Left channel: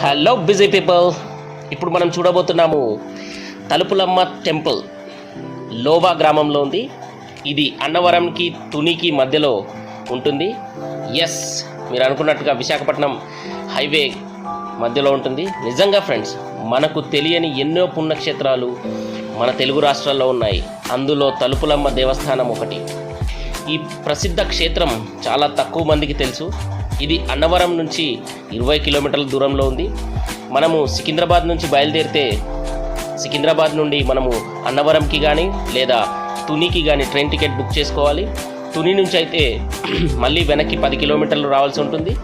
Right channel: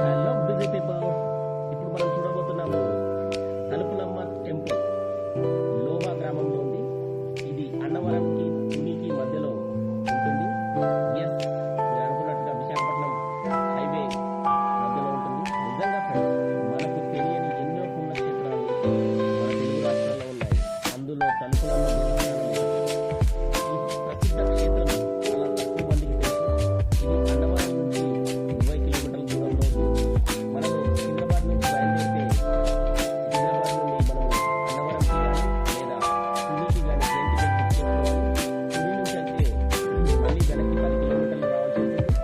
Hello busy people, ఇప్పుడు మనం చూడబోతున్నాము తలుపులమ్మ టెంపుల్. లోబా గ్రామంలో ఉంది. ఇది అన్నవరంకి తునికి మధ్యలో ఉంటుంది. ఎస్, మీరు అనుకున్నట్టుగా విశాఖపట్నం హైవే మధ్యలో ఉంటుంది. నిజంగా ఫ్రెండ్స్, మనకు తెలియని ఎన్నో పుణ్యక్షేత్రాలు మన తెలుగు రాష్ట్రాల్లో ఉన్నాయి. అందులో తలుపులమ్మ దేవస్థానం ఒకటి. ఈ ప్రసిద్ధ క్షేత్రం చాలా తక్కువ మందికి తెలుసు. ఇది అన్నవరం నుంచి 20 కిలోమీటర్ల దూరంలో ఉంది. మనము సికింద్రాబాద్ నుంచి బయలుదేరితే సికింద్రాబాద్ నుండి మనము అన్నవరంకి కానీ లేదా తునికి కానీ ట్రైన్ టికెట్ బుక్ చేసుకోవాలి. తుని నుంచి అయితే మళ్ళీ వెనక్కి 10 కిలోమీటర్లు రావాల్సి ఉంటుంది.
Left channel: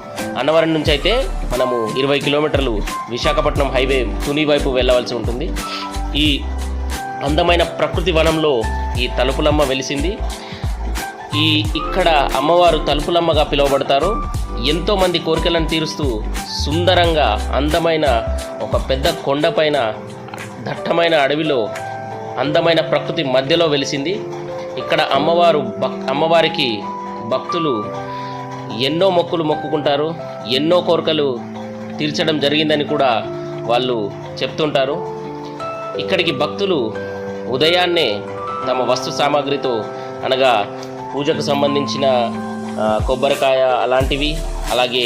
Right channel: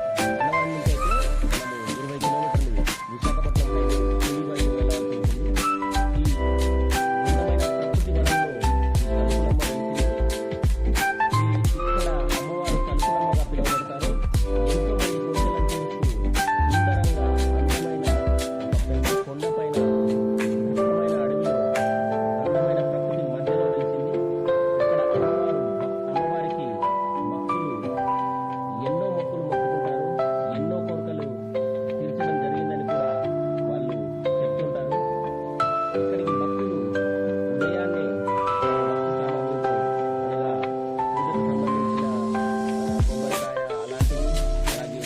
అన్నవరం నుంచి అయితే మనము 20 కిలోమీటర్లు విశాఖపట్నం హైవే తుని వైపు వెళ్ళవలసి ఉంటుంది. ఈ అందమైన ప్రకృతి వనంలో ఈ తలుపులమ్మ వెలిసింది. ఇక్కడ అమ్మవారు తలుపులమ్మగా పిలువబడతారు. ఎంతోమంది కోరికలను తీరుస్తూ సుందరంగా అందమైన ఒక పెద్ద కొండపైన దట్టమైన అడవిలో అందమైన ప్రకృతి మధ్యలో వెలిసింది. ఇక్కడ అమ్మవారికి భక్తులు ఎన్నో మొక్కులు మొక్కుకుంటారు. ఎన్నో కోరికలు తీర్చడం జరిగిందని కూడా వాళ్ళు చెప్తుంటారు. ఇక్కడికి భక్తులు ఉదయాన్నే తమ వస్తు సామాగ్రితో, అనగా పూజకు సంబంధించిన కొబ్బరికాయ అలాంటివి, అలాగే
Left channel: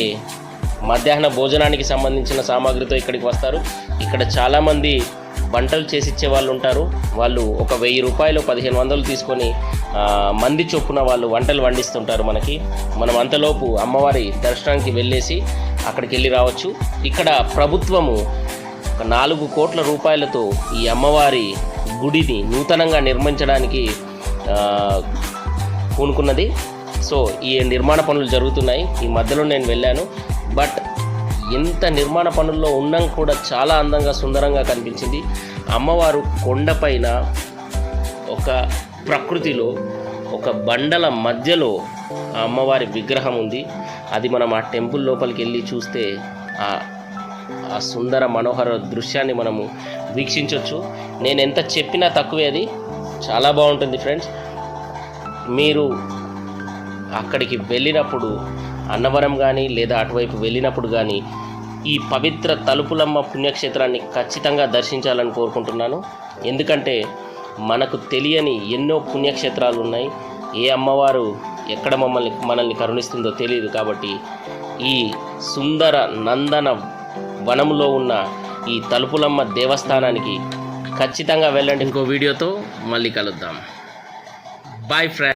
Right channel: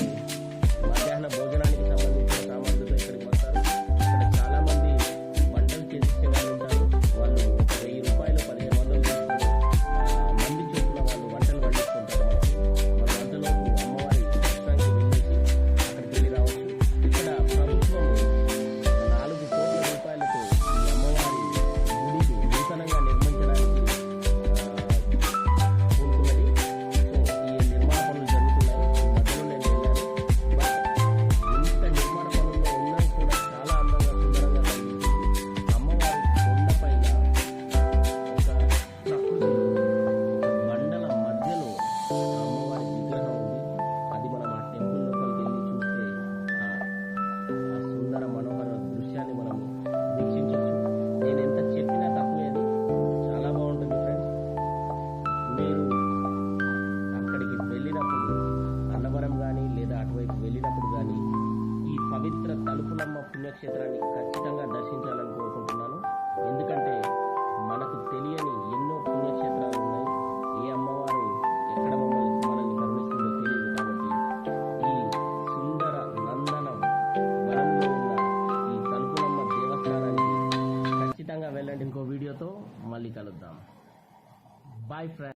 మధ్యాహ్న భోజనానికి సంబంధించిన సామాగ్రితో ఇక్కడికి వస్తారు. ఇక్కడ చాలామంది వంటలు చేసిచ్చే వాళ్ళు ఉంటారు. వాళ్ళు ఒక 1000 రూపాయలు 1500 తీసుకొని మంది చొప్పున వాళ్ళు వంటలు వండిస్తుంటారు మనకి. మనం అంతలోపు అమ్మవారి దర్శనానికి వెళ్ళేసి అక్కడికి వెళ్ళి రావచ్చు. ఇక్కడ ప్రభుత్వము 4 కోట్ల రూపాయలతో ఈ అమ్మవారి గుడిని నూతనంగా నిర్మించడానికి పూనుకున్నది. సో ఈ నిర్మాణ పనులు జరుగుతున్నాయి. ఈ మధ్యలో నేను వెళ్ళాను. బట్ ఎంత నిర్మాణ పనుల్లో ఉన్నాం కూడా చాలా అందంగా సుందరంగా కనిపించింది. అమ్మవారు కొండపైన ఒక ప్రకృతిలో ఒక బండల మధ్యలో ఆ అమ్మవారి విగ్రహం ఉంది. అది మనం ఆ టెంపుల్ లోపలికి వెళ్ళి చూస్తే ఆ సుందర మనోహర దృశ్యాన్ని మనము వీక్షించవచ్చు. నేను ఎంత చెప్పినా తక్కువే, అది చాలా బాగుంటుంది ఫ్రెండ్స్. మీరు అక్కడికి వెళ్ళినప్పుడు అన్నవరం కానీ లేదా అటువైపు వెళ్ళినప్పుడు కానీ ఈ పవిత్ర తలుపులమ్మ పుణ్యక్షేత్రాన్ని ఖచ్చితంగా దర్శించాలని కోరుకుంటున్నాను. ఎందుకంటే మనకు తెలియని ఎన్నో పుణ్యక్షేత్రాలు ఉన్నాయి. ఏ అమ్మవారు ఎక్కడ మనల్ని కరుణిస్తుందో తెలియదు. కాబట్టి ఈ సుందర నందన వనంలో ఉన్న ఈ తలుపులమ్మ దేవస్థానానికి ఖచ్చితంగా వెళ్ళండి. ఇంకో వీడియోతో మళ్ళీ కలుద్దాం. Bye friends.